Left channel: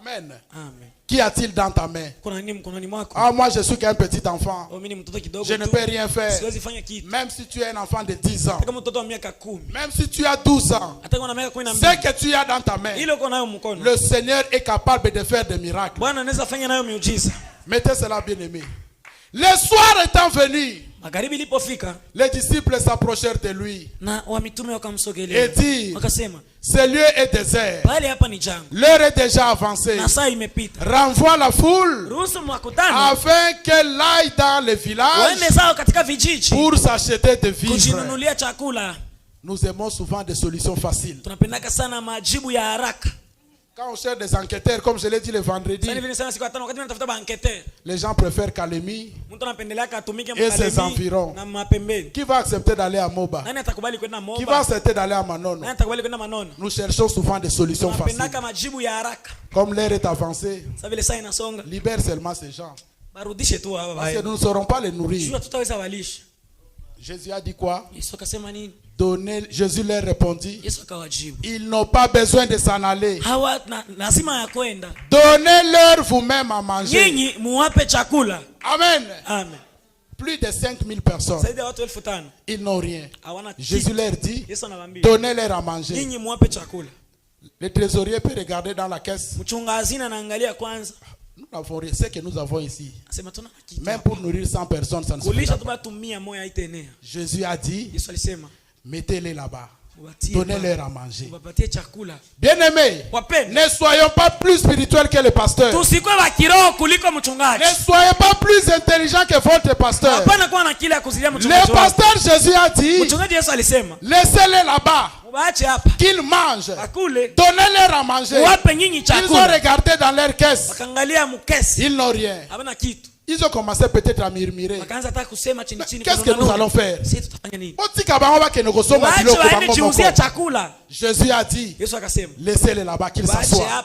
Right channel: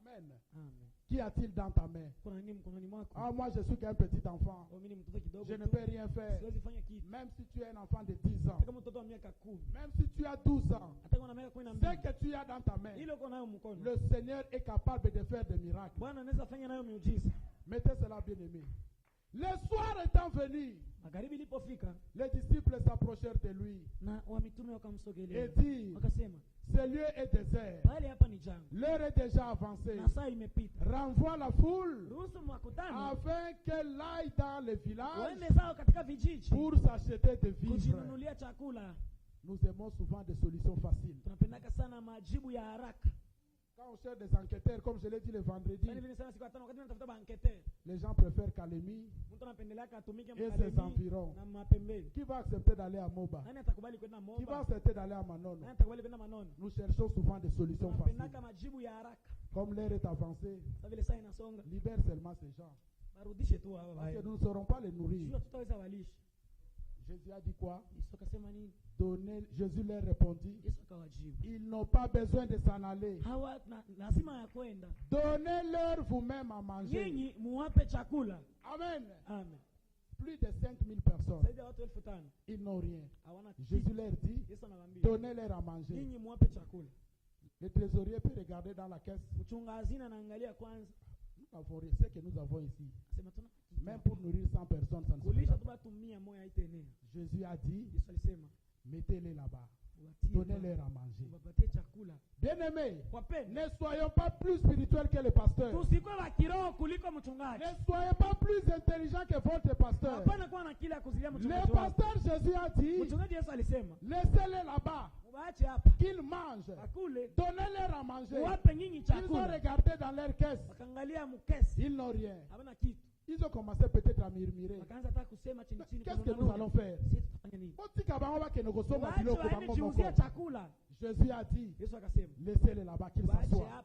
Amen. Amen. Qu'y a-t-il dans ta main? Ah, moi je suis qu'un petit enfant. Je ne peux rien faire. Même si tu es un enfant de 10 ans. Même si tu as 12 ans. Ce que tu as dans ta main, le Seigneur est capable de faire des miracles. Mettez cela, bien aimé. Le soir étant venu, les disciples s'approchèrent de lui et dirent, ce lieu est désert, l'heure est déjà avancée, renvoie la foule afin qu'elle aille dans les villages pour s'acheter des vivres. Nous aimons souvent des solutions faciles. Quand on cherche des enquêteurs, comme je l'ai dit le vendredi, les gens préfèrent Kalemi et ses environs. Qui va accepter d'aller à Moba? Qui va accepter d'aller à Manono? Nous cherchons souvent des solutions faciles. Comme l'heure est avancée, libère seulement ces gens. Parce que nous ne saurons pas les nourrir. Jésus a dit quoi? Jésus leur répondit, ils n'ont pas besoin de s'en aller. Donnez-leur vous-même à manger. Amen. Amen. Plus de 5000 personnes. Ils n'ont rien. Jésus leur dit, donnez-leur à manger. Le trésorier peut regarder dans la caisse. Nous n'avons rien. Ce que nous avons ici, même pour nourrir 100 personnes, ça ne suffit pas. Jésus a dit, mettez-les là-bas. Donnez-leur à manger. Bien-aimés, ne soyons pas plus spirituels que le pasteur. Ne soyez pas plus intelligents que votre pasteur. Le pasteur Jésus a dit, laissez-les là-bas, qu'ils mangent. Donnez-leur à manger. Ils ont regardé dans leur caisse. Ils n'ont rien. Ils ont commencé peut-être à murmurer. Qu'est-ce que nous allons faire? Jésus a dit, laissez-les là-bas, qu'ils s'assoient.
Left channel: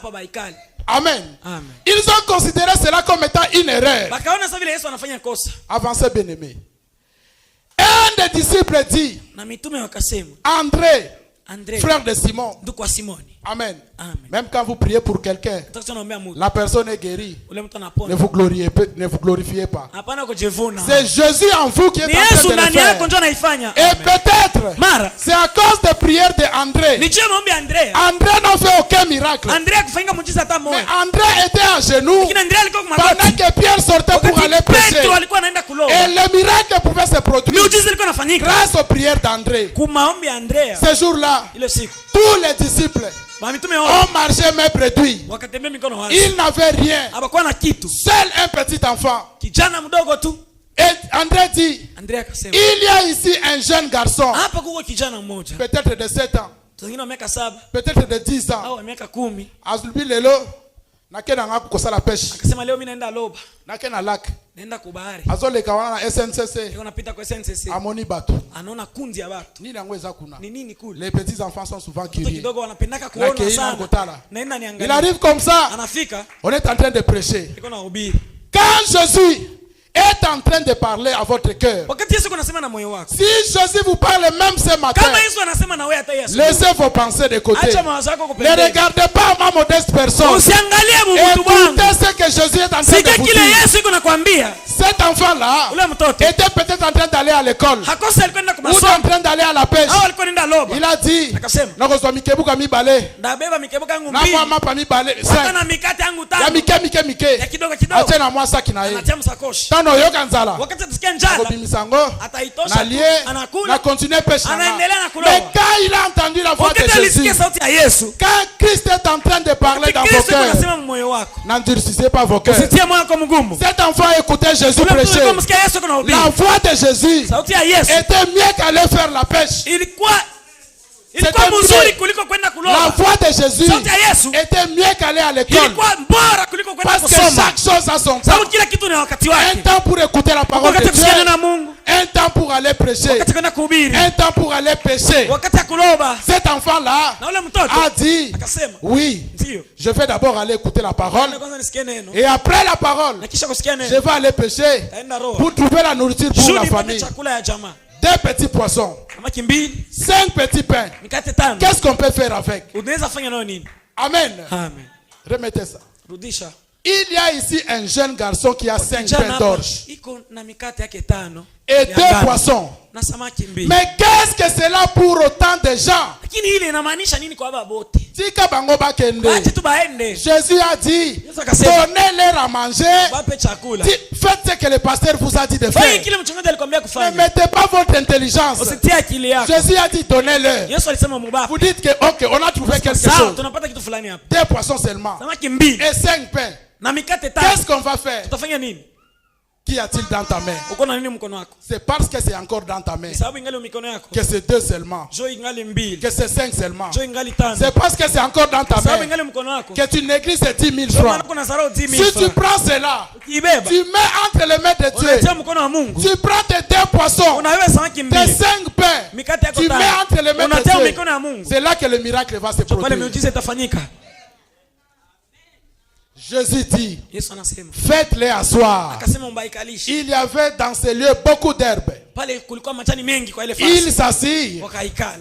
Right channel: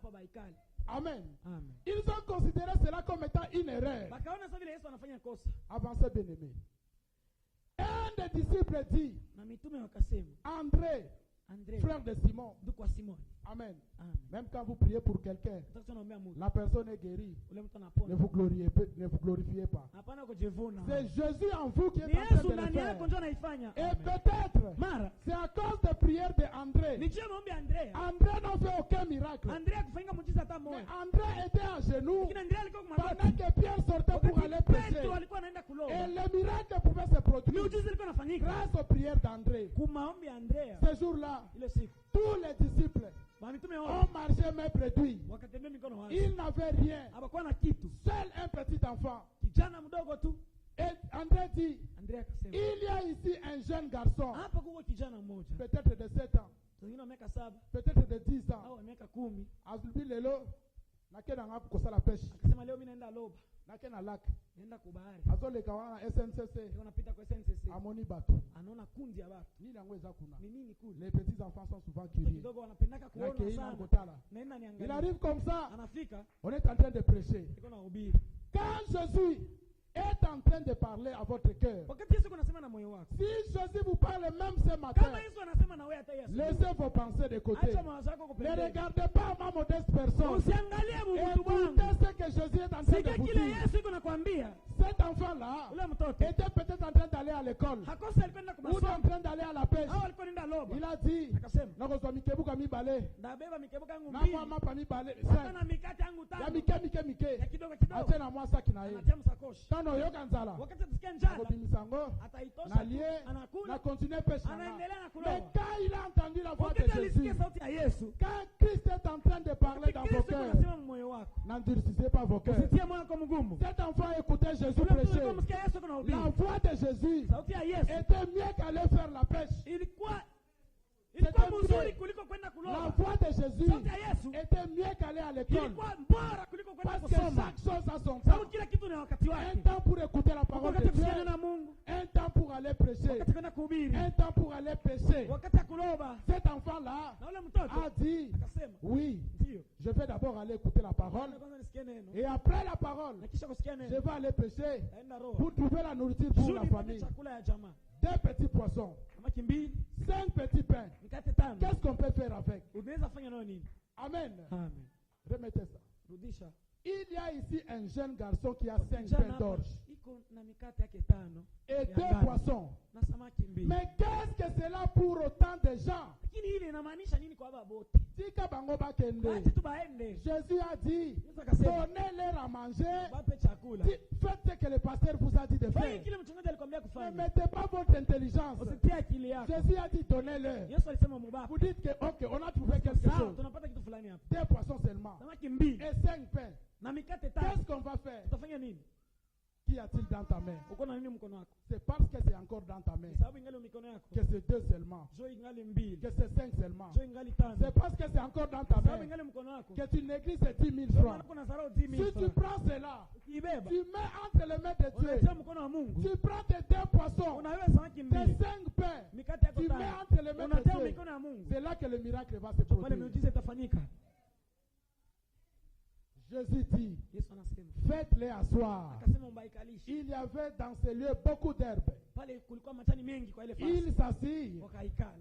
Amen. Ils ont considéré cela comme étant une erreur. Avancez, bien-aimé. Un des disciples dit, André, frère de Simon. Amen. Même quand vous priez pour quelqu'un, la personne est guérie. Ne vous glorifiez pas. C'est Jésus en vous qui est en train de le faire. Et peut-être, c'est à cause des prières d'André. André n'a fait aucun miracle. Mais André était à genoux pendant que Pierre sortait pour aller prêcher. Et le miracle pouvait se produire grâce aux prières d'André. Ce jour-là, tous les disciples ont marché mais réduit. Ils n'avaient rien. Seul un petit enfant. Et André dit, il y a ici un jeune garçon, peut-être de 7 ans, peut-être de 10 ans. Azulbi lelo nakena nga kukosala pêche. Nakena lac. Azole kawana na SNCC. Amoni bato. Nini yango eza kuna. Les petits enfants sont souvent curieux. Il arrive comme ça. On est en train de prêcher. Quand Jésus est en train de parler à votre cœur, si Jésus vous parle même ce matin, laissez vos pensées de côté. Ne regardez pas ma modeste personne. Écoutez ce que Jésus est en train de vous dire. Cet enfant-là était peut-être en train d'aller à l'école ou en train d'aller à la pêche. Il a dit, mais quand il a entendu la voix de Jésus, quand Christ est en train de parler dans vos cœurs, n'endurcissez pas vos cœurs. Cet enfant écoutait Jésus prêcher. La voix de Jésus était mieux qu'aller faire la pêche. La voix de Jésus était mieux qu'aller à l'école. Parce que chaque chose a son temps. Un temps pour écouter la parole de Dieu. Un temps pour aller prêcher. Un temps pour aller pêcher. Cet enfant-là a dit, oui, je vais d'abord aller écouter la parole. Et après la parole, je vais aller pêcher pour trouver la nourriture pour la famille. 2 petits poissons, 5 petits pains. Qu'est-ce qu'on peut faire avec? Amen. Remettez ça. Rudisha. Il y a ici un jeune garçon qui a 5 pains d'orge et 2 poissons. Mais qu'est-ce que c'est là pour autant de gens? Jésus a dit, donnez-leur à manger. Faites ce que le pasteur vous a dit de faire. Ne mettez pas votre intelligence. Jésus a dit, donnez-leur. Vous dites que, ok, on a trouvé quelque chose. 2 poissons seulement. Et 5 pains. Qu'est-ce qu'on va faire? Qu'y a-t-il dans ta main? C'est parce que c'est encore dans ta main que c'est 2 seulement, que c'est 5 seulement. C'est parce que c'est encore dans ta main que tu négliges ces 10 000 francs. Si tu prends cela, tu mets entre les mains de Dieu. Tu prends tes 2 poissons, tes 5 pains, tu mets entre les mains de Dieu. C'est là que le miracle va se produire. Jésus dit, faites-les asseoir. Il y avait dans ces lieux beaucoup d'herbes. Ils s'assirent.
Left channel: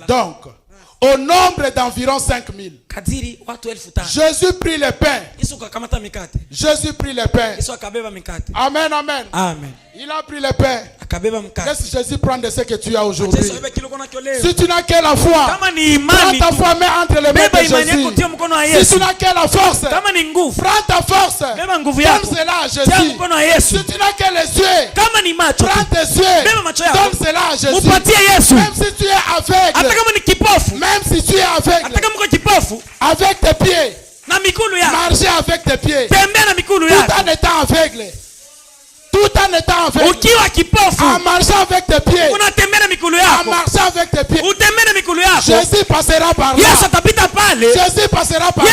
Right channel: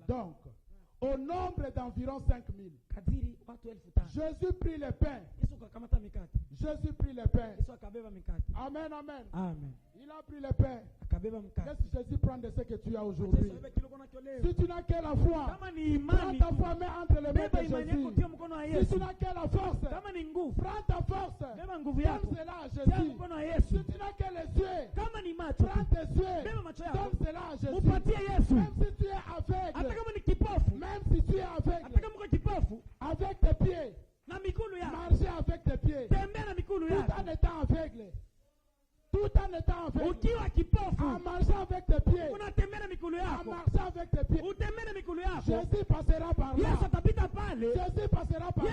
Donc, au nombre d'environ 5 000. Jésus prit le pain. Jésus prit le pain. Amen, amen. Amen. Il a pris le pain. Laisse Jésus prendre ce que tu as aujourd'hui. Si tu n'as que la foi, prends ta foi, mets entre les mains de Jésus. Si tu n'as que la force, prends ta force, donne cela à Jésus. Si tu n'as que les yeux, prends tes yeux, donne cela à Jésus. Même si tu es aveugle, même si tu es aveugle, avec tes pieds, marcher avec tes pieds, tout en étant aveugle. Tout en étant aveugle, en marchant avec tes pieds, en marchant avec tes pieds, Jésus passera par là. Jésus passera par là.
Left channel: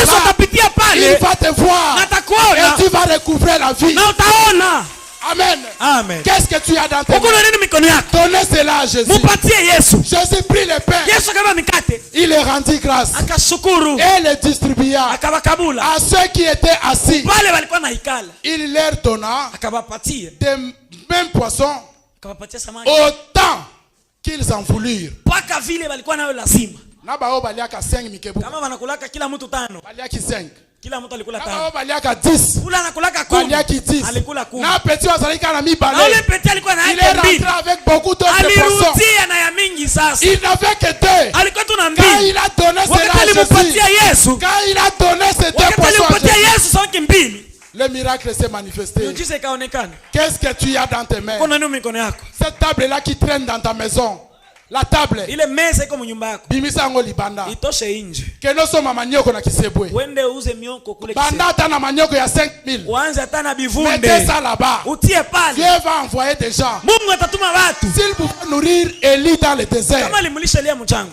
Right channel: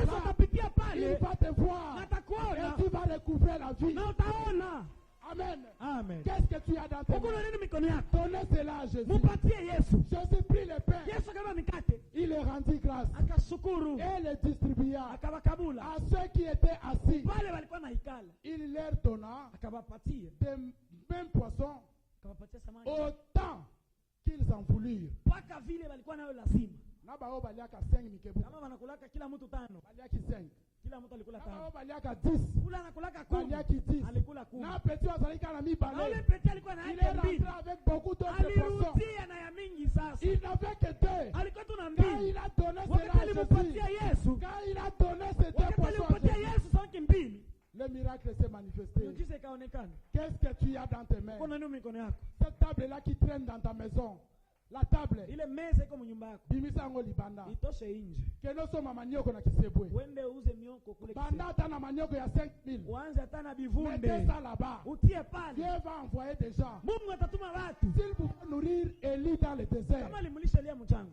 Il va te voir et tu vas recouvrer la vie. Amen. Amen. Qu'est-ce que tu as dans tes mains? Donnez cela à Jésus. Jésus prit le pain. Il les rendit grâce et les distribua à ceux qui étaient assis. Il leur donna des mêmes poissons autant qu'ils en voulurent. Kila mtu alikula 5. Baliaka 10. Kula anakulaka 10. Baliaki 10. Alikula 10. Na petit wazalika na mibale. Na ule petit alikuwa na yake mbili. Il est rentré avec beaucoup d'autres poissons. Alirudia na ya mingi sasa. Il n'avait que 2. Alikuwa tu na mbili. Quand il a donné cela à Jésus. Quand il a donné ces 2 poissons à Yesu sanki mbili. Le miracle s'est manifesté. Qu'est-ce que tu as dans tes mains? Cette table là qui traîne dans ta maison. La table. Ile meza iko mnyumba yako. Bimisa ngo libanda. Itoshe nje. Keno soma manyoko na kisebwe. Wende uze mioko kule kisebwe. Banda hata na manyoko ya 5000. Uanze hata na bivunde. Mettez ça là-bas. Utie pale. Dieu va envoyer des gens. Mungu atatuma watu. S'il pouvait nourrir Élie dans le désert. Kama limulisha Elia mchango.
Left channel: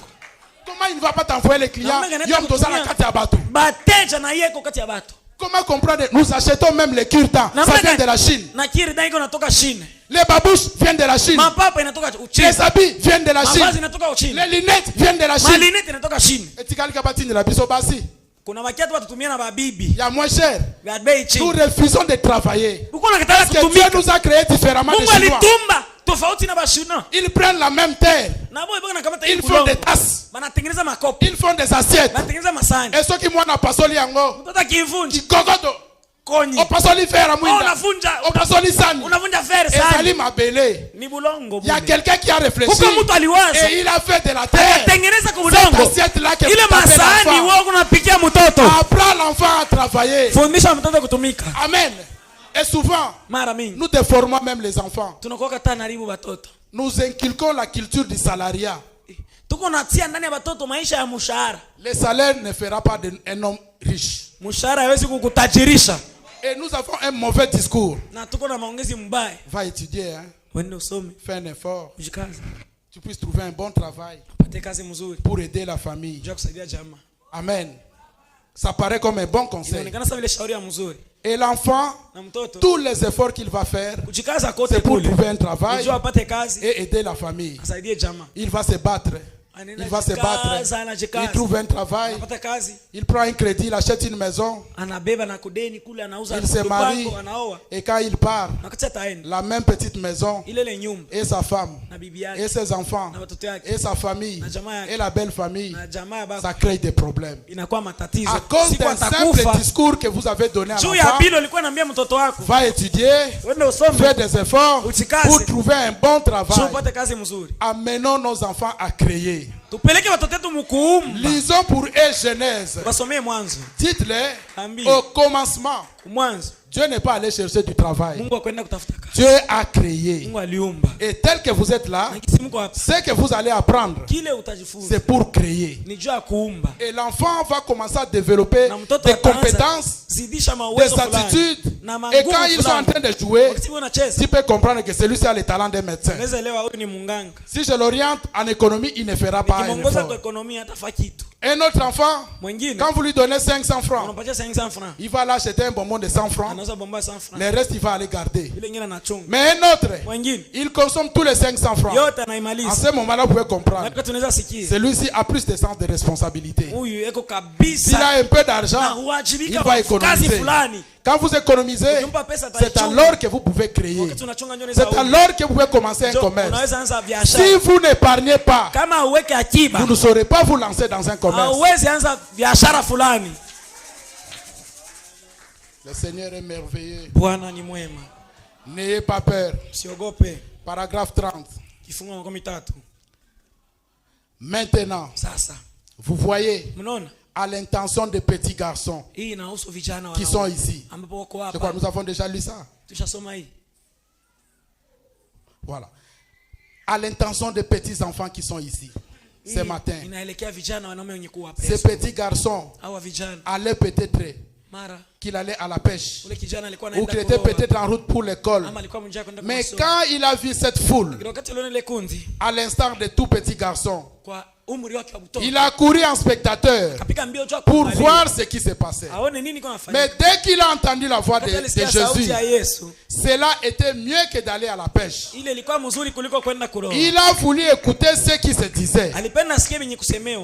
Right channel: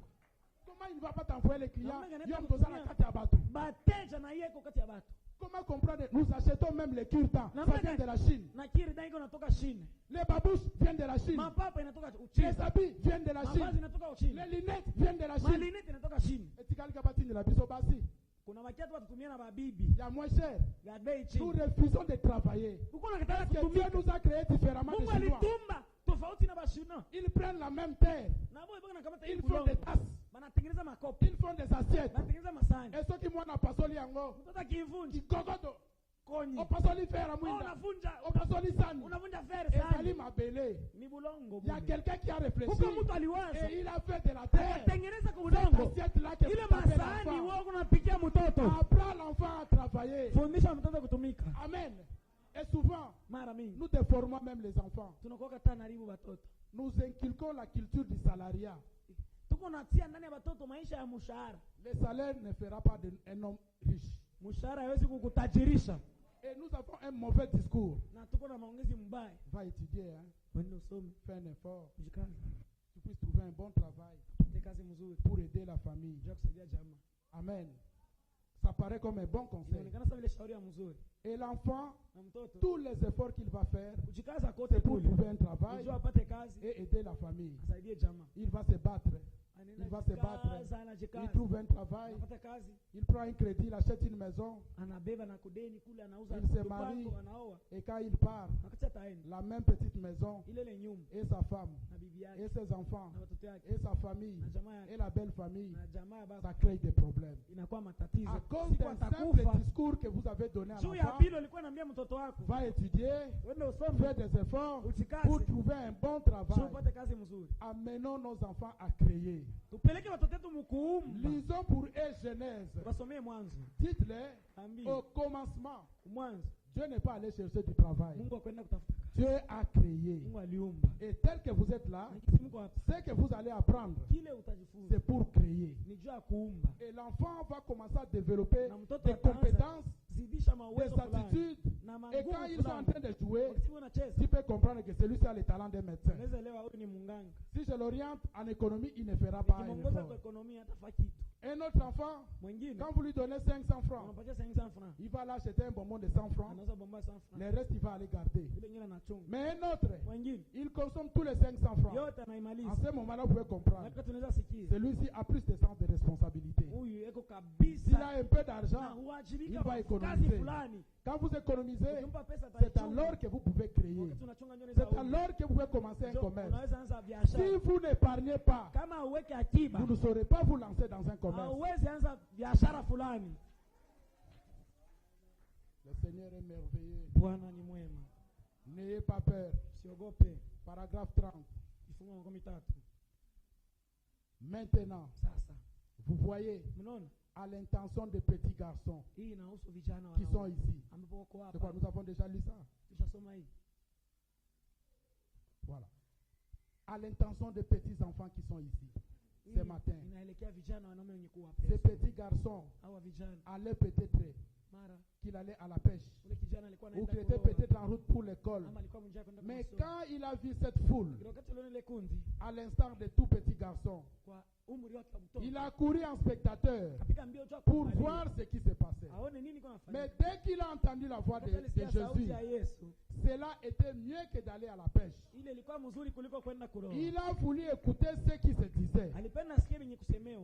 Comment il ne va pas t'envoyer les clients? Yom doza na kati ya batu. Bateja na yeko kati ya batu. Comment comprendre? Nous achetons même les kirtans. Ça vient de la Chine. Na kirtan iko natoka Chine. Les babouches viennent de la Chine. Mapapa inatoka Uchina. Les habits viennent de la Chine. Mavazi inatoka Uchina. Les lunettes viennent de la Chine. Malinete inatoka Chine. Etikali kabatini la biso basi. Kuna wakiatu watutumia na babibi. Ya moins cher. Ya bei chini. Nous refusons de travailler. Uko nakataka kutumika. Dieu nous a créé différemment des Chinois. Mungu alitumba tofauti na bashuna. Ils prennent la même terre. Ils font des tasses. Ils font des assiettes. Et ceux qui mwana pasoli yango. Kikokoto. O pasoli fer amwinda. O pasoli sani. Et sali mabele. Il y a quelqu'un qui a réfléchi. Et il a fait de la terre. Cette assiette là que l'enfant. Apprends l'enfant à travailler. Amen. Et souvent, nous déformons même les enfants. Nous inculquons la culture du salariat. Le salaire ne fera pas d'un homme riche. Et nous avons un mauvais discours. Va étudier, hein? Fais un effort. Tu puisses trouver un bon travail pour aider la famille. Amen. Ça paraît comme un bon conseil. Et l'enfant, tous les efforts qu'il va faire, c'est pour trouver un travail et aider la famille. Il va se battre. Il va se battre. Il trouve un travail. Il prend un crédit, il achète une maison. Il se marie. Et quand il part, la même petite maison, et sa femme, et ses enfants, et sa famille, et la belle famille, ça crée des problèmes. À cause d'un simple discours que vous avez donné à l'enfant, va étudier, faire des efforts pour trouver un bon travail. Amenons nos enfants à créer. Lisons pour eux Genèse. Dites-les au commencement. Dieu n'est pas allé chercher du travail. Dieu a créé. Et tel que vous êtes là, ce que vous allez apprendre, c'est pour créer. Et l'enfant va commencer à développer des compétences, des attitudes. Et quand ils sont en train de jouer, tu peux comprendre que celui-ci a le talent d'un médecin. Si je l'oriente en économie, il ne fera pas un effort. Un autre enfant, quand vous lui donnez 500 francs, il va l'acheter un bonbon de 100 francs. Le reste, il va aller garder. Mais un autre, il consomme tous les 500 francs. En ce moment-là, vous pouvez comprendre. Celui-ci a plus de sens de responsabilité. S'il a un peu d'argent, il va économiser. Quand vous économisez, c'est alors que vous pouvez créer. C'est alors que vous pouvez commencer un commerce. Si vous n'épargnez pas, vous ne saurez pas vous lancer dans un commerce. Le Seigneur est merveilleux. N'ayez pas peur. Paragraphe 30. Maintenant, vous voyez à l'intention des petits garçons qui sont ici. Je crois que nous avons déjà lu ça. Voilà. À l'intention des petits enfants qui sont ici ce matin. Ces petits garçons allaient peut-être qu'il allait à la pêche ou qu'il était peut-être en route pour l'école. Mais quand il a vu cette foule, à l'instar de tout petit garçon, il a couru en spectateur pour voir ce qui se passait. Mais dès qu'il a entendu la voix de Jésus, cela était mieux que d'aller à la pêche. Il a voulu écouter ce qui se disait.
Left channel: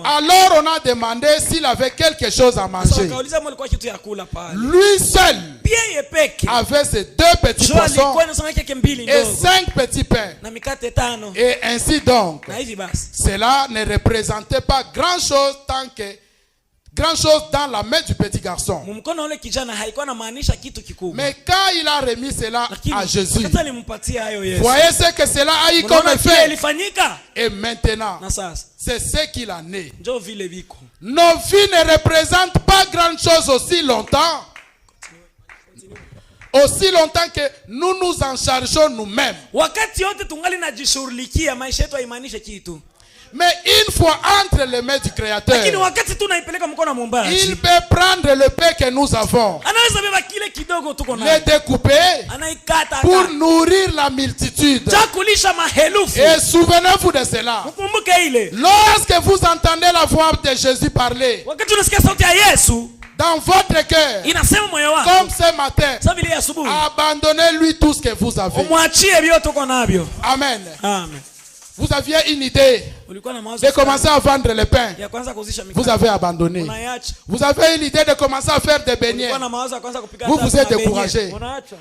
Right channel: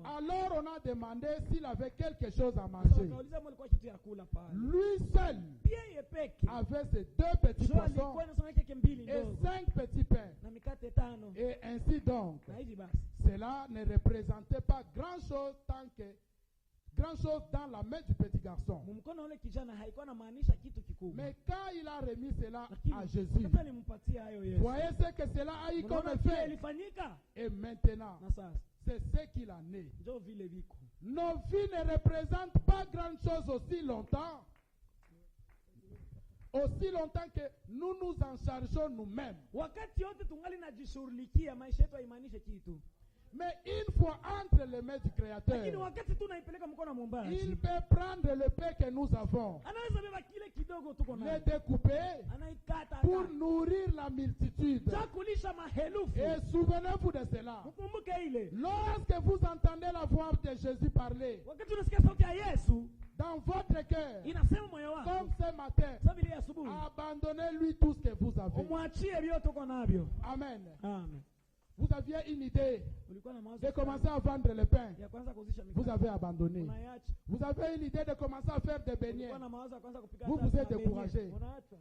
Alors on a demandé s'il avait quelque chose à manger. Lui seul avait ces 2 petits poissons et 5 petits pains. Et ainsi donc, cela ne représentait pas grand-chose dans la main du petit garçon. Mais quand il a remis cela à Jésus, voyez ce que cela a eu comme effet. Et maintenant, c'est ce qu'il en est. Nos vies ne représentent pas grand-chose aussi longtemps que nous nous en chargeons nous-mêmes. Mais une fois entre les mains du Créateur, il peut prendre le pain que nous avons, le découper pour nourrir la multitude. Et souvenez-vous de cela. Lorsque vous entendez la voix de Jésus parler dans votre cœur, comme ce matin, abandonnez-lui tout ce que vous avez. Amen. Vous aviez une idée de commencer à vendre le pain. Vous avez abandonné. Vous avez eu l'idée de commencer à faire des beignets. Vous vous êtes découragé.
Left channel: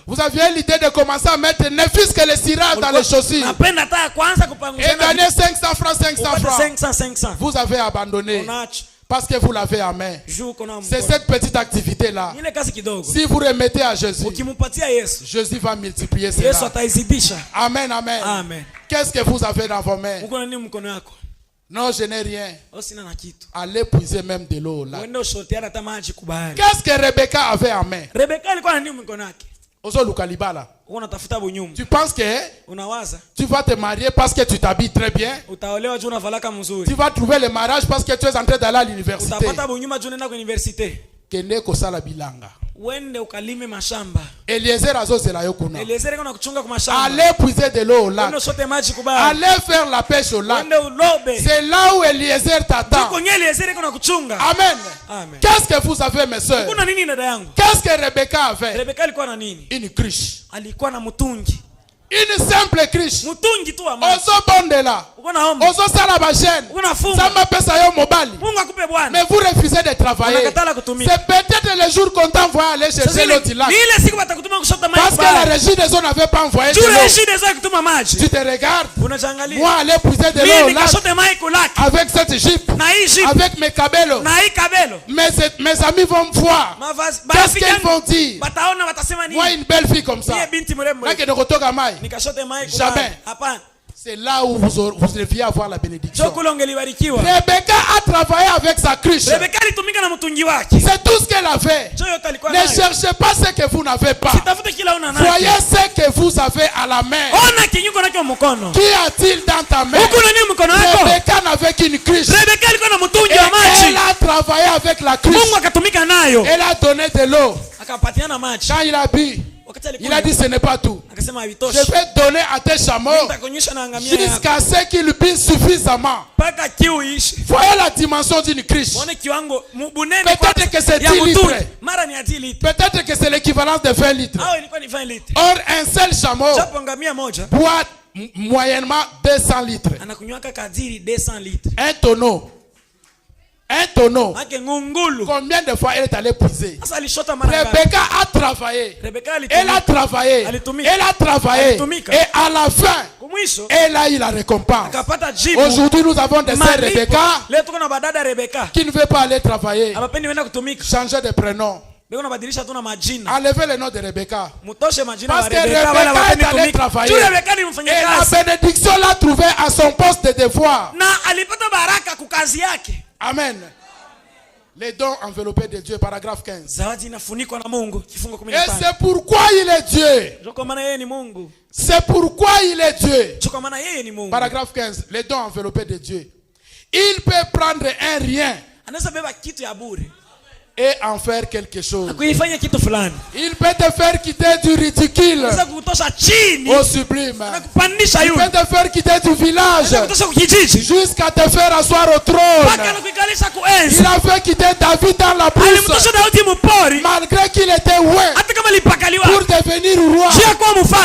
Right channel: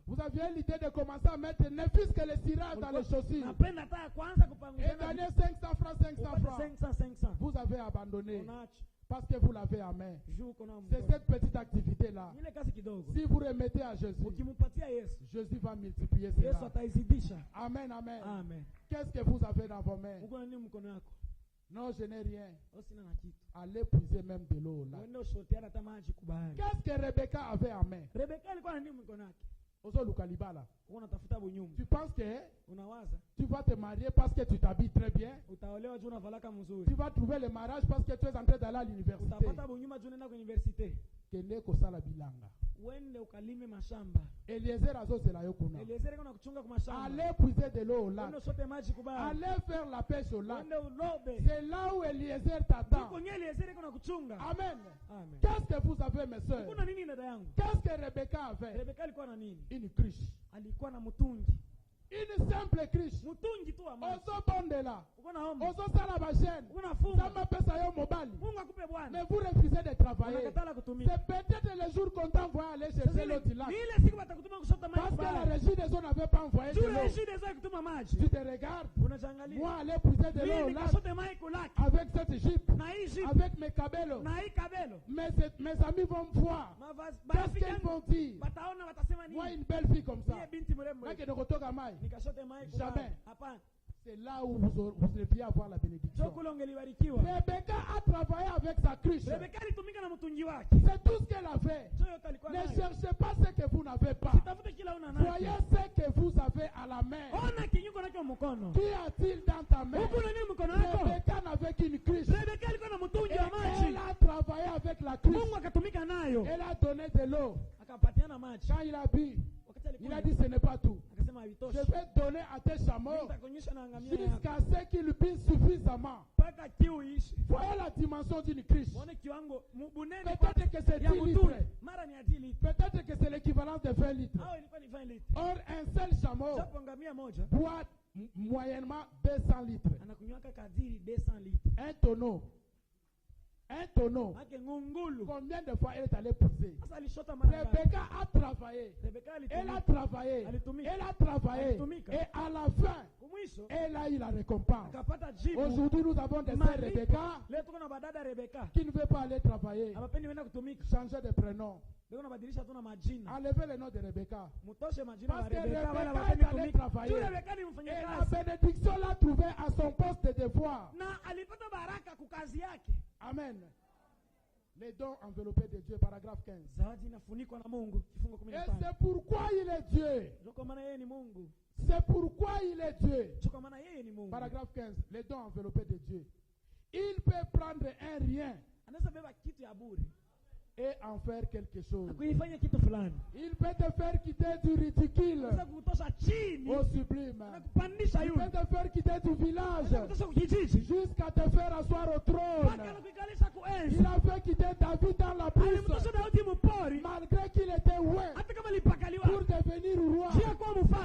Vous aviez l'idée de commencer à mettre ne fût-ce que les sirop dans les chaussures et gagner 500 francs, 500 francs. Vous avez abandonné. Parce que vous l'avez en main. C'est cette petite activité-là. Si vous remettez à Jésus, Jésus va multiplier cela. Amen, amen. Qu'est-ce que vous avez dans vos mains? Non, je n'ai rien. Allez puiser même de l'eau là. Qu'est-ce que Rebecca avait en main? Tu penses que tu vas te marier parce que tu t'habilles très bien? Tu vas trouver le mariage parce que tu es en train d'aller à l'université? Eliezer azozela yo kuna. Allez puiser de l'eau au lac. Allez faire la pêche au lac. C'est là où Eliezer t'attend. Amen. Qu'est-ce que vous avez, mes soeurs? Qu'est-ce que Rebecca avait? Une cruche. Une simple cruche. Ozobondela. Ozo sala ba jeune. Samba pesa yo mobali. Mais vous refusez de travailler. C'est peut-être le jour qu'on t'a envoyé aller chercher l'autre là. Parce que la régie des eaux n'avait pas envoyé de l'eau. Tu te regardes. Moi aller puiser de l'eau là. Avec cette jeep. Avec mes cabellos. Mes amis vont me voir. Qu'est-ce qu'ils vont dire? Moi une belle fille comme ça. Jamais. C'est là où vous deviez avoir la bénédiction. Rebecca a travaillé avec sa cruche. C'est tout ce qu'elle a fait. Ne cherchez pas ce que vous n'avez pas. Voyez ce que vous avez à la main. Qui a-t-il dans ta main? Rebecca n'avait qu'une cruche. Et elle a travaillé avec la cruche. Elle a donné de l'eau. Quand il a bu, il a dit ce n'est pas tout. Je vais donner à tes chameaux jusqu'à ce qu'ils buent suffisamment. Voyez la dimension d'une cruche. Peut-être que c'est 10 litres. Peut-être que c'est l'équivalent de 20 litres. Or, un seul chameau boit moyennement 200 litres. Un tonneau. Un tonneau. Combien de fois elle est allée puiser? Rebecca a travaillé. Elle a travaillé. Elle a travaillé. Et à la fin, elle a eu la récompense. Aujourd'hui, nous avons des sœurs Rebecca qui ne veulent pas aller travailler. Changer de prénom. Enlevez le nom de Rebecca. Parce que Rebecca est allée travailler. Et la bénédiction l'a trouvée à son poste de devoir. Amen. Les dons enveloppés de Dieu, paragraphe 15. Et c'est pourquoi il est Dieu. C'est pourquoi il est Dieu. Paragraphe 15. Les dons enveloppés de Dieu. Il peut prendre un rien et en faire quelque chose. Il peut te faire quitter du ridicule au sublime. Il peut te faire quitter du village jusqu'à te faire asseoir au trône. Il a fait quitter David dans la brousse malgré qu'il était loin pour devenir roi.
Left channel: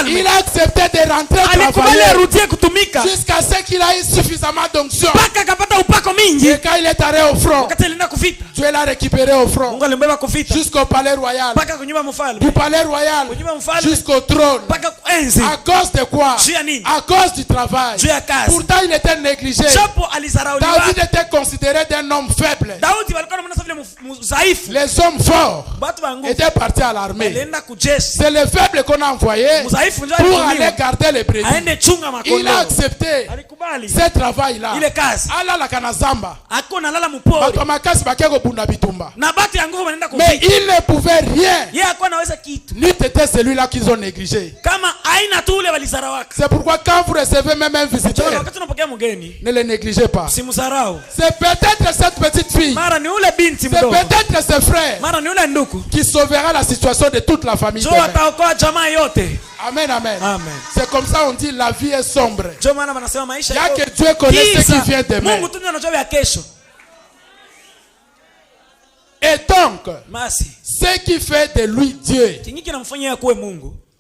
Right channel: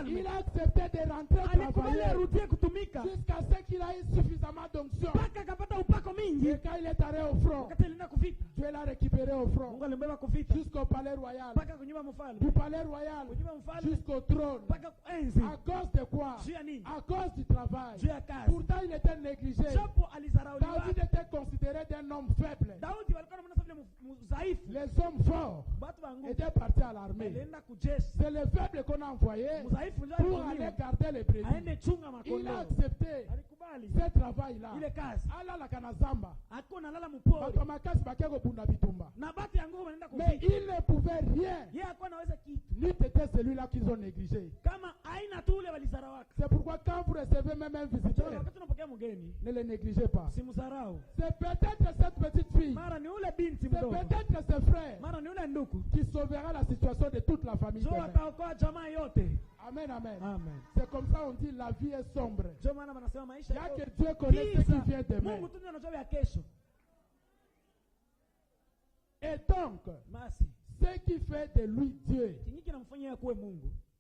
Il a accepté de rentrer travailler jusqu'à ce qu'il ait suffisamment d'onction. Et quand il est allé au front, Dieu l'a récupéré au front. Jusqu'au palais royal. Du palais royal jusqu'au trône. À cause de quoi? À cause du travail. Pourtant il était négligé. David était considéré d'un homme faible. Les hommes forts étaient partis à l'armée. C'est les faibles qu'on a envoyés pour aller garder les brebis. Il a accepté ce travail-là. Allah la kanazamba. Mais il ne pouvait rien. Ni t'étais celui-là qu'ils ont négligé. C'est pourquoi quand vous recevez même un visiteur, ne le négligez pas. C'est peut-être cette petite fille, c'est peut-être ce frère qui sauvera la situation de toute la famille. Amen, amen. C'est comme ça on dit la vie est sombre. Il y a que Dieu connaît ce qui vient demain. Et donc, ce qui fait de lui Dieu,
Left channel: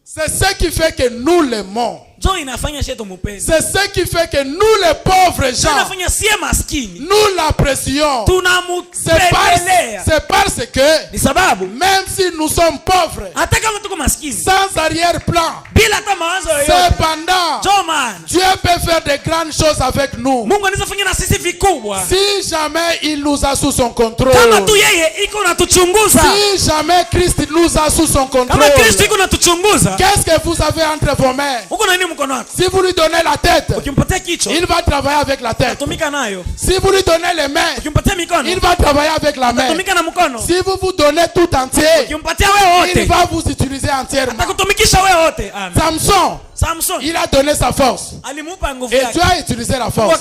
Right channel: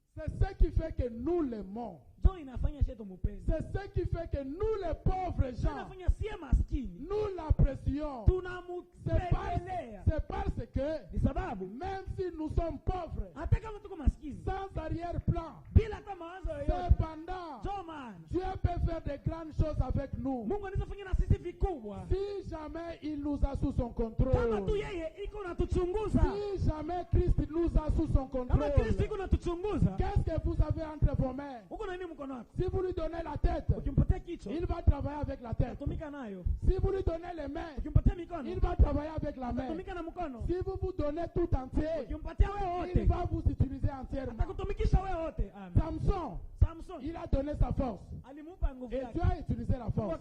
c'est ce qui fait que nous l'aimons. C'est ce qui fait que nous les pauvres gens, nous l'apprécions. C'est parce que même si nous sommes pauvres, sans arrière-plan, cependant Dieu peut faire de grandes choses avec nous. Si jamais il nous a sous son contrôle, si jamais Christ nous a sous son contrôle, qu'est-ce que vous avez entre vos mains? Si vous lui donnez la tête, il va travailler avec la tête. Si vous lui donnez les mains, il va travailler avec la main. Si vous vous donnez tout entier, il va vous utiliser entièrement. Samson, il a donné sa force. Et Dieu a utilisé la force.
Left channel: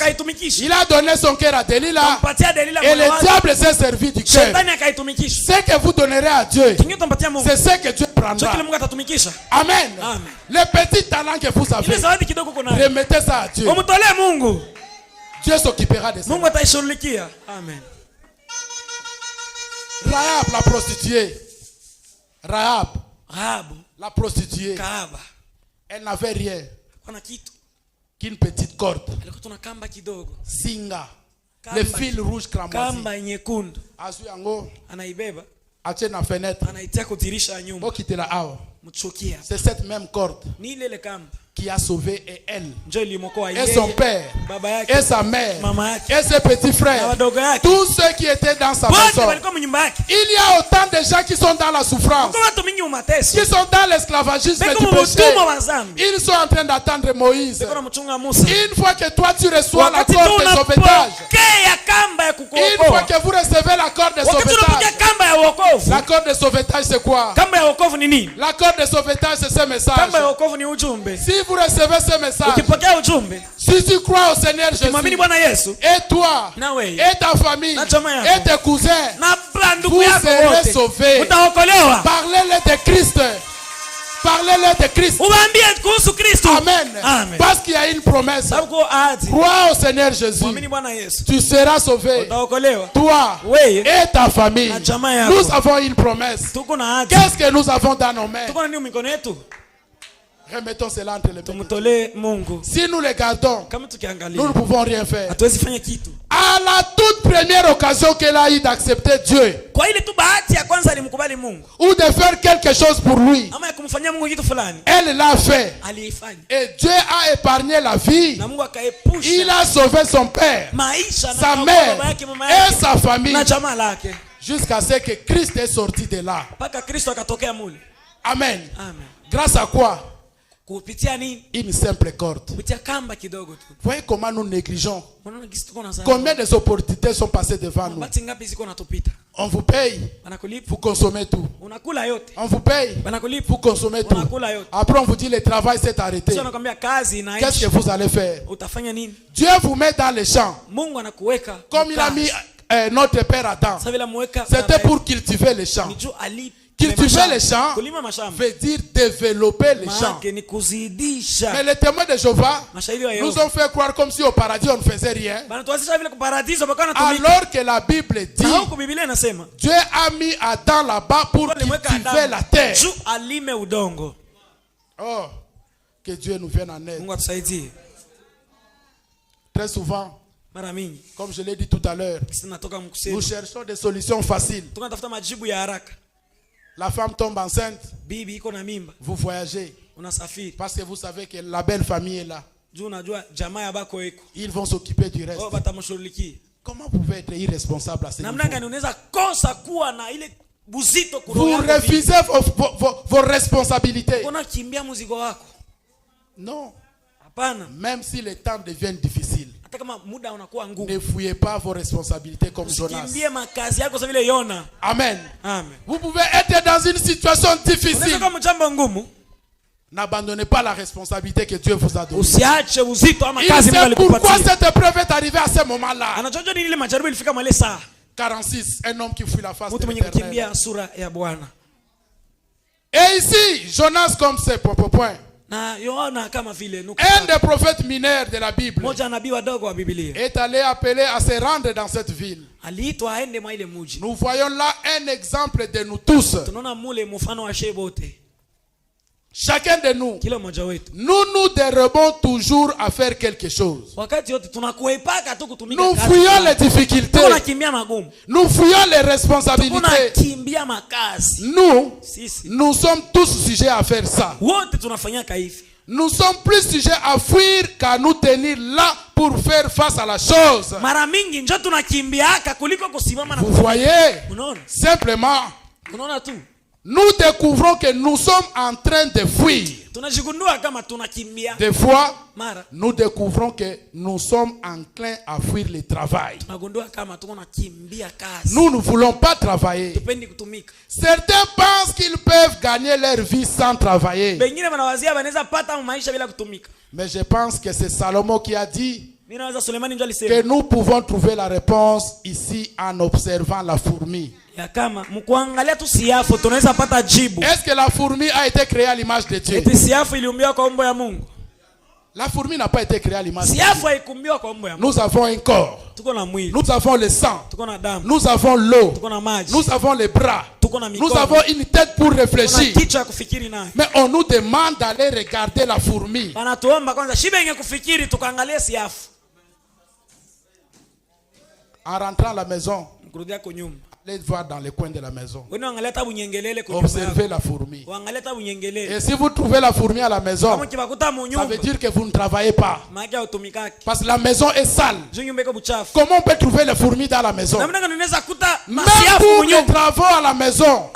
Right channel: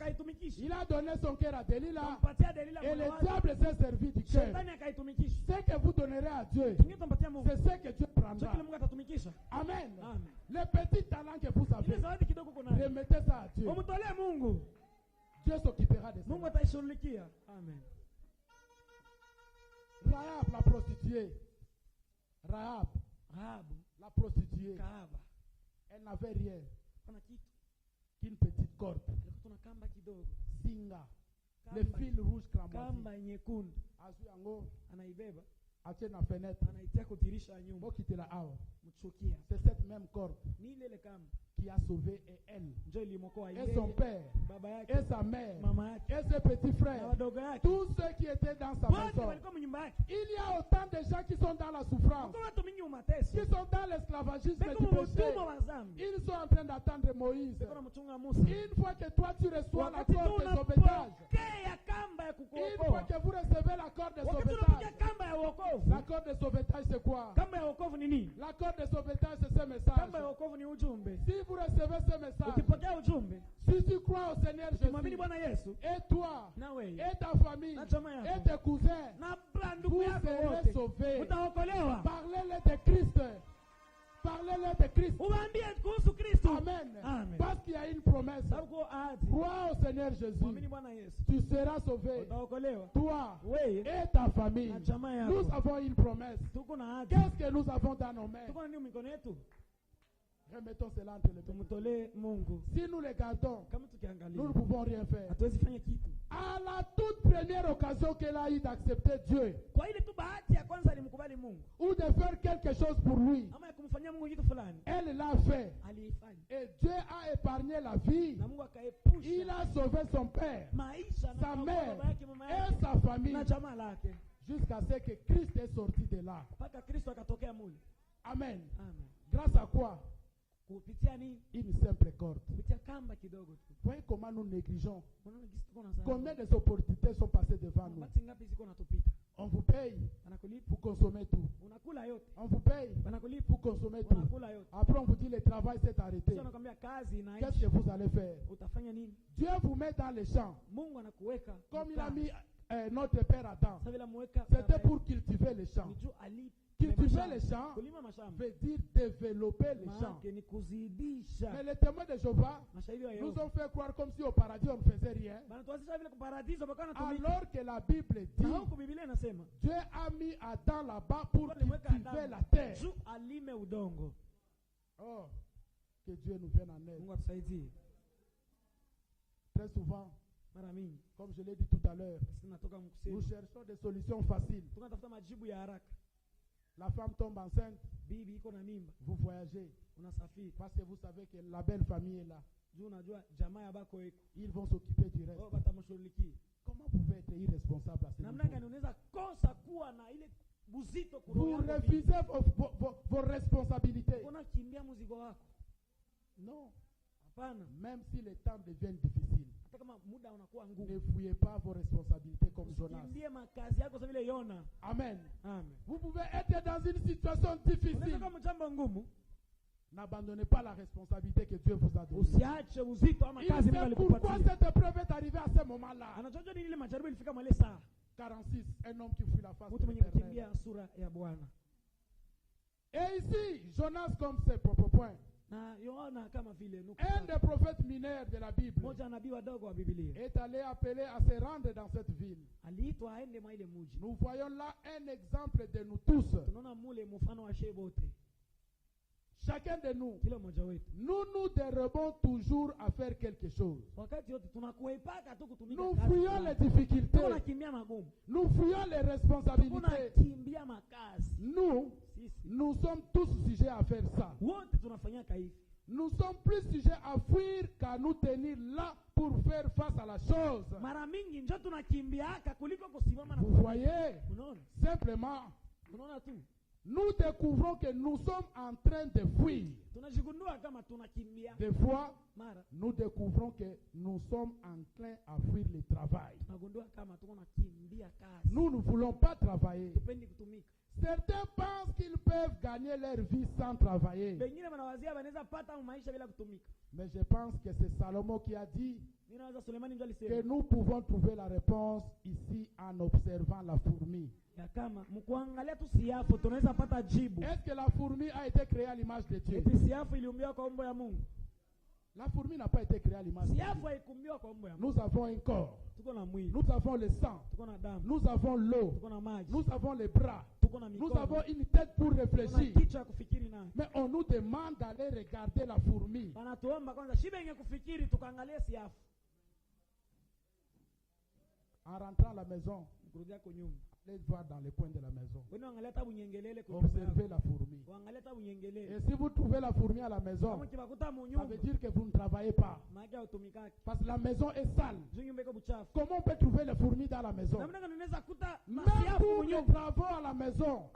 Il a donné son cœur à Delilah. Et le diable s'est servi du cœur. Ce que vous donnerez à Dieu, c'est ce que Dieu prendra. Amen. Le petit talent que vous avez, remettez ça à Dieu. Dieu s'occupera de ça. Amen. Rahab, la prostituée. Rahab, la prostituée. Elle n'avait rien. qu'une petite corde. Alikuwa tuna kamba kidogo. Singa. Le fil rouge cramoisi. Kamba nyekundu. Azu yango. Anaibeba. Ache na fenêtre. Anaitia kudirisha nyumba. Okitela awa. Mchukia. C'est cette même corde. Ni ile kamba qui a sauvé et elle, et son père, et sa mère, et ses petits frères, tous ceux qui étaient dans sa maison. Il y a autant de gens qui sont dans la souffrance, qui sont dans l'esclavagisme du péché. Ils sont en train d'attendre Moïse. Une fois que toi tu reçois la corde de sauvetage, une fois que vous recevez la corde de sauvetage, la corde de sauvetage c'est quoi? La corde de sauvetage c'est ce message. Si vous recevez ce message, si tu crois au Seigneur Jésus, et toi, et ta famille, et tes cousins, vous serez sauvés. Parlez-le de Christ. Parlez-le de Christ. Amen. Amen. Parce qu'il y a une promesse. Crois au Seigneur Jésus. Tu seras sauvé. Toi et ta famille. Nous avons une promesse. Qu'est-ce que nous avons dans nos mains? Remettons cela entre les mains. Si nous les gardons, nous ne pouvons rien faire. À la toute première occasion qu'elle a eu d'accepter Dieu, ou de faire quelque chose pour lui, elle l'a fait. Et Dieu a épargné la vie. Il a sauvé son père, sa mère et sa famille, jusqu'à ce que Christ est sorti de là. Amen. Grâce à quoi? Une simple corde. Voyez comment nous négligeons. Combien de opportunités sont passées devant nous? On vous paye, vous consommez tout. On vous paye, vous consommez tout. Après on vous dit le travail s'est arrêté. Qu'est-ce que vous allez faire? Dieu vous met dans les champs. Comme il a mis notre père Adam. C'était pour cultiver les champs. Cultiver les champs veut dire développer les champs. Mais les témoins de Jéhovah nous ont fait croire comme si au paradis on ne faisait rien. Alors que la Bible dit Dieu a mis Adam là-bas pour cultiver la terre. Oh, que Dieu nous vienne en aide. Très souvent, comme je l'ai dit tout à l'heure, nous cherchons des solutions faciles. La femme tombe enceinte. Vous voyagez. Parce que vous savez que la belle famille est là. Ils vont s'occuper du reste. Comment vous pouvez être irresponsable à ce niveau? Vous refusez vos responsabilités. Non. Même si les temps deviennent difficiles, ne fouillez pas vos responsabilités comme Jonas. Amen. Vous pouvez être dans une situation difficile. N'abandonnez pas la responsabilité que Dieu vous a donnée. Il sait pourquoi cette épreuve est arrivée à ce moment-là. 46, un homme qui fuit la face de l'Éternel. Et ici, Jonas comme c'est point. Un des prophètes mineurs de la Bible est allé appeler à se rendre dans cette ville. Nous voyons là un exemple de nous tous. Chacun de nous, nous dérobons toujours à faire quelque chose. Nous fuyons les difficultés. Nous fuyons les responsabilités. Nous sommes tous sujets à faire ça. Nous sommes plus sujets à fuir qu'à nous tenir là pour faire face à la chose. Vous voyez, simplement, nous découvrons que nous sommes en train de fuir. Des fois, nous découvrons que nous sommes enclins à fuir le travail. Nous ne voulons pas travailler. Certains pensent qu'ils peuvent gagner leur vie sans travailler. Mais je pense que c'est Salomon qui a dit que nous pouvons trouver la réponse ici en observant la fourmi. Est-ce que la fourmi a été créée à l'image de Dieu? La fourmi n'a pas été créée à l'image de Dieu. Nous avons un corps. Nous avons le sang. Nous avons l'eau. Nous avons les bras. Nous avons une tête pour réfléchir. Mais on nous demande d'aller regarder la fourmi. En rentrant à la maison, allez voir dans les coins de la maison. Observez la fourmi. Et si vous trouvez la fourmi à la maison, ça veut dire que vous ne travaillez pas. Parce que la maison est sale. Comment on peut trouver les fourmis dans la maison? Même pour les travaux à la maison,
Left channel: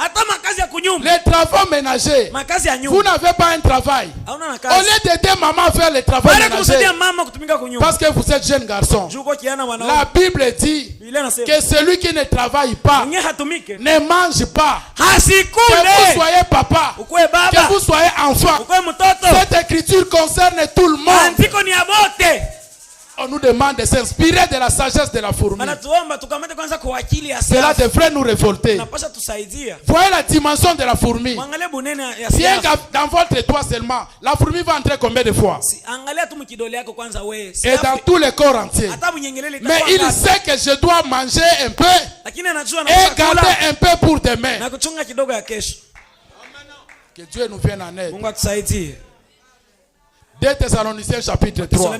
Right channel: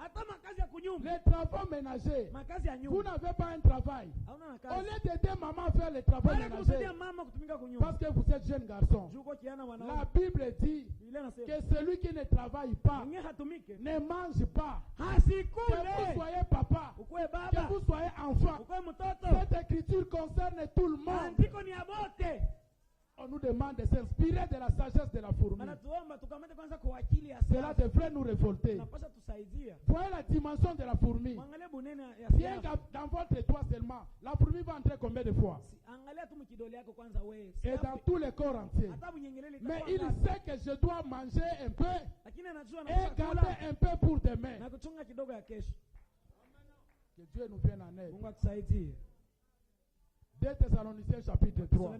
les travaux ménagers, vous n'avez pas un travail. Au lieu d'aider maman à faire les travaux ménagers, parce que vous êtes jeune garçon, la Bible dit que celui qui ne travaille pas ne mange pas. Que vous soyez papa, que vous soyez enfant, cette écriture concerne tout le monde. On nous demande de s'inspirer de la sagesse de la fourmi. Cela devrait nous révolter. Voyez la dimension de la fourmi. Bien dans votre toit seulement, la fourmi va entrer combien de fois? Et dans tous les corps entiers. Mais il sait que je dois manger un peu et garder un peu pour demain. Que Dieu nous vienne en aide. 2 Thessaloniciens chapitre 3.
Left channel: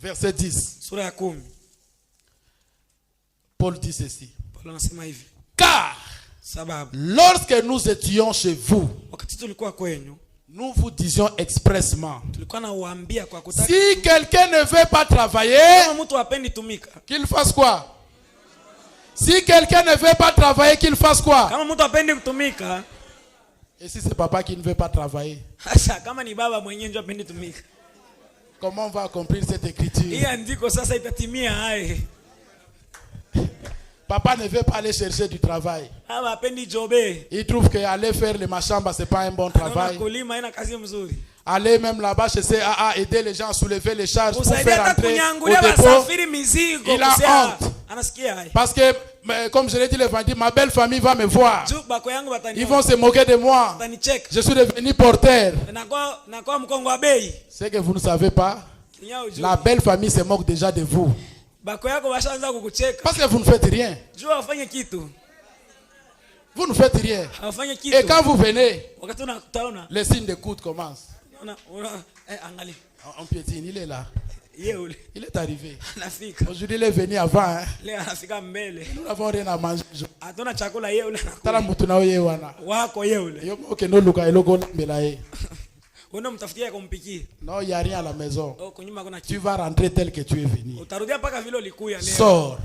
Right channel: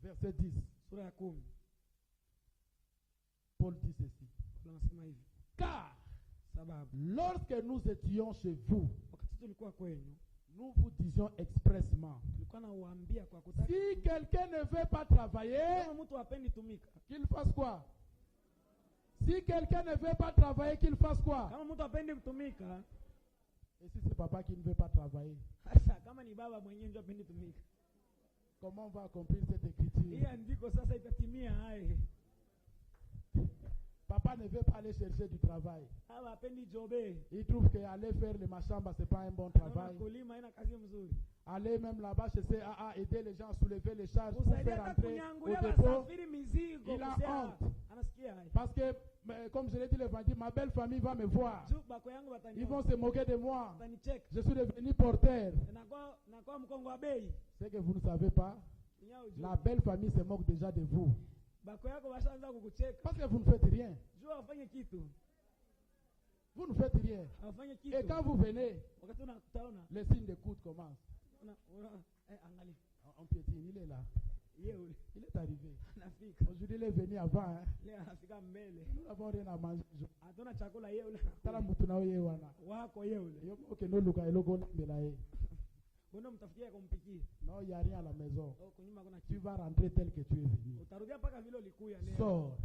Verset 10. Paul dit ceci. Car lorsque nous étions chez vous, nous vous disions expressement, si quelqu'un ne veut pas travailler, qu'il fasse quoi? Si quelqu'un ne veut pas travailler, qu'il fasse quoi? Et si c'est papa qui ne veut pas travailler? Comment on va accomplir cette écriture? Papa ne veut pas aller chercher du travail. Il trouve qu'aller faire les machambas, ce n'est pas un bon travail. Aller même là-bas chez CAA, aider les gens à soulever les charges pour faire entrer au dépôt. Il a honte. Parce que, comme je l'ai dit le vendredi, ma belle famille va me voir. Ils vont se moquer de moi. Je suis devenu porteur. C'est que vous ne savez pas. La belle famille se moque déjà de vous. Parce que vous ne faites rien. Vous ne faites rien. Et quand vous venez, les signes d'écoute commencent. On piétine, il est là. Il est arrivé. Aujourd'hui, il est venu avant. Hein. Nous n'avons rien à manger. Non, il n'y a rien à la maison. Tu vas rentrer tel que tu es venu. Sors.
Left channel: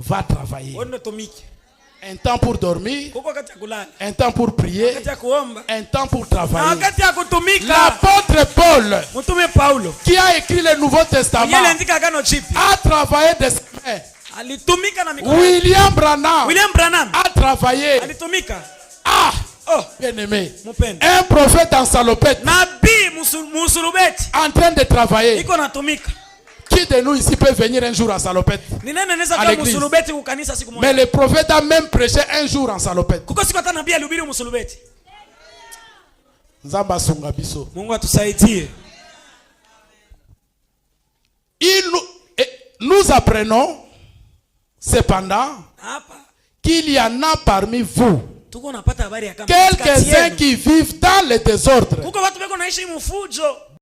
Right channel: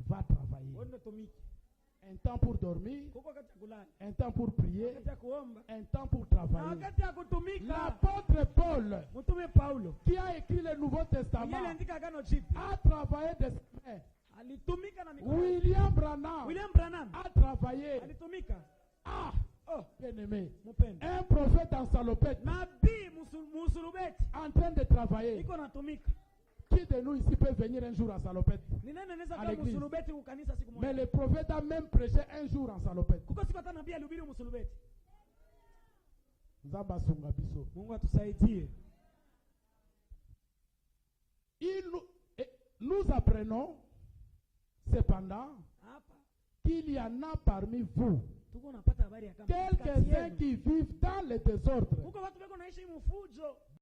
Va travailler. Un temps pour dormir, un temps pour prier, un temps pour travailler. L'apôtre Paul, qui a écrit le Nouveau Testament, a travaillé de ses mains. William Branham a travaillé. Ah, bien aimé, un prophète en salopette, en train de travailler. Qui de nous ici peut venir un jour en salopette à l'église? Mais le prophète a même prêché un jour en salopette. Nous apprenons cependant qu'il y en a parmi vous quelques-uns qui vivent dans le désordre